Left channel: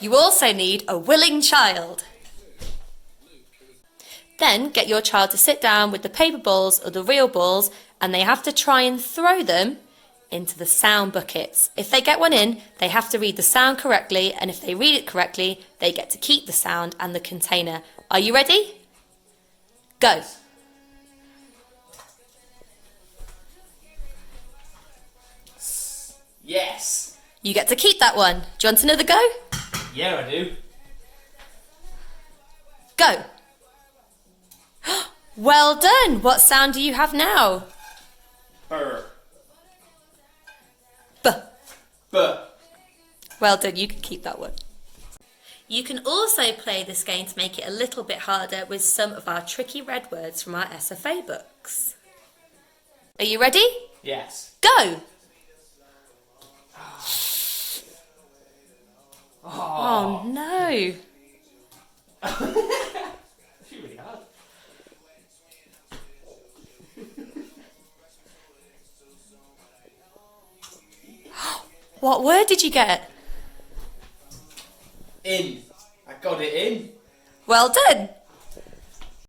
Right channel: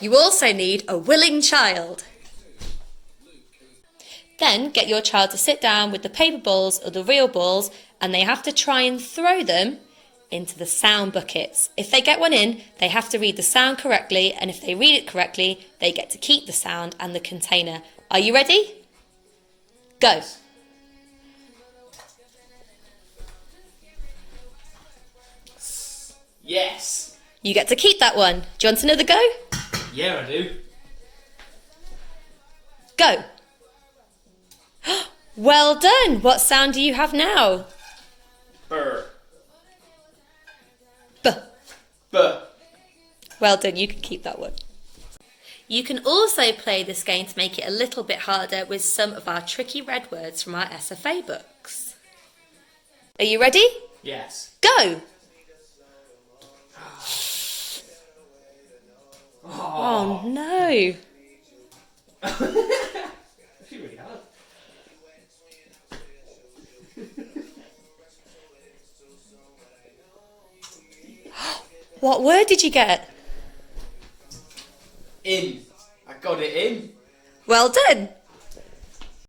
You also need a willing child. Then get your child to sit down with the paper balls or the real balls, and they have to try and throw them into the sound buckets. If they get one in, they have to read the sound correctly, and if they read it correctly, they get to keep the sound and the container. Are you ready? Go. Yes. You get to keep that one. Do you want another go? Yeah, I do. Go. Well done. What sound do you have now? Burr. B. Buh. Well done. You can keep that one. You can also play this game to make it a little bit harder with some of our tricky red words from our SFA books. Are you ready? Yes. Go. Oh, Oh no. It's really hard. What word did you get? In. I got it in. Well done.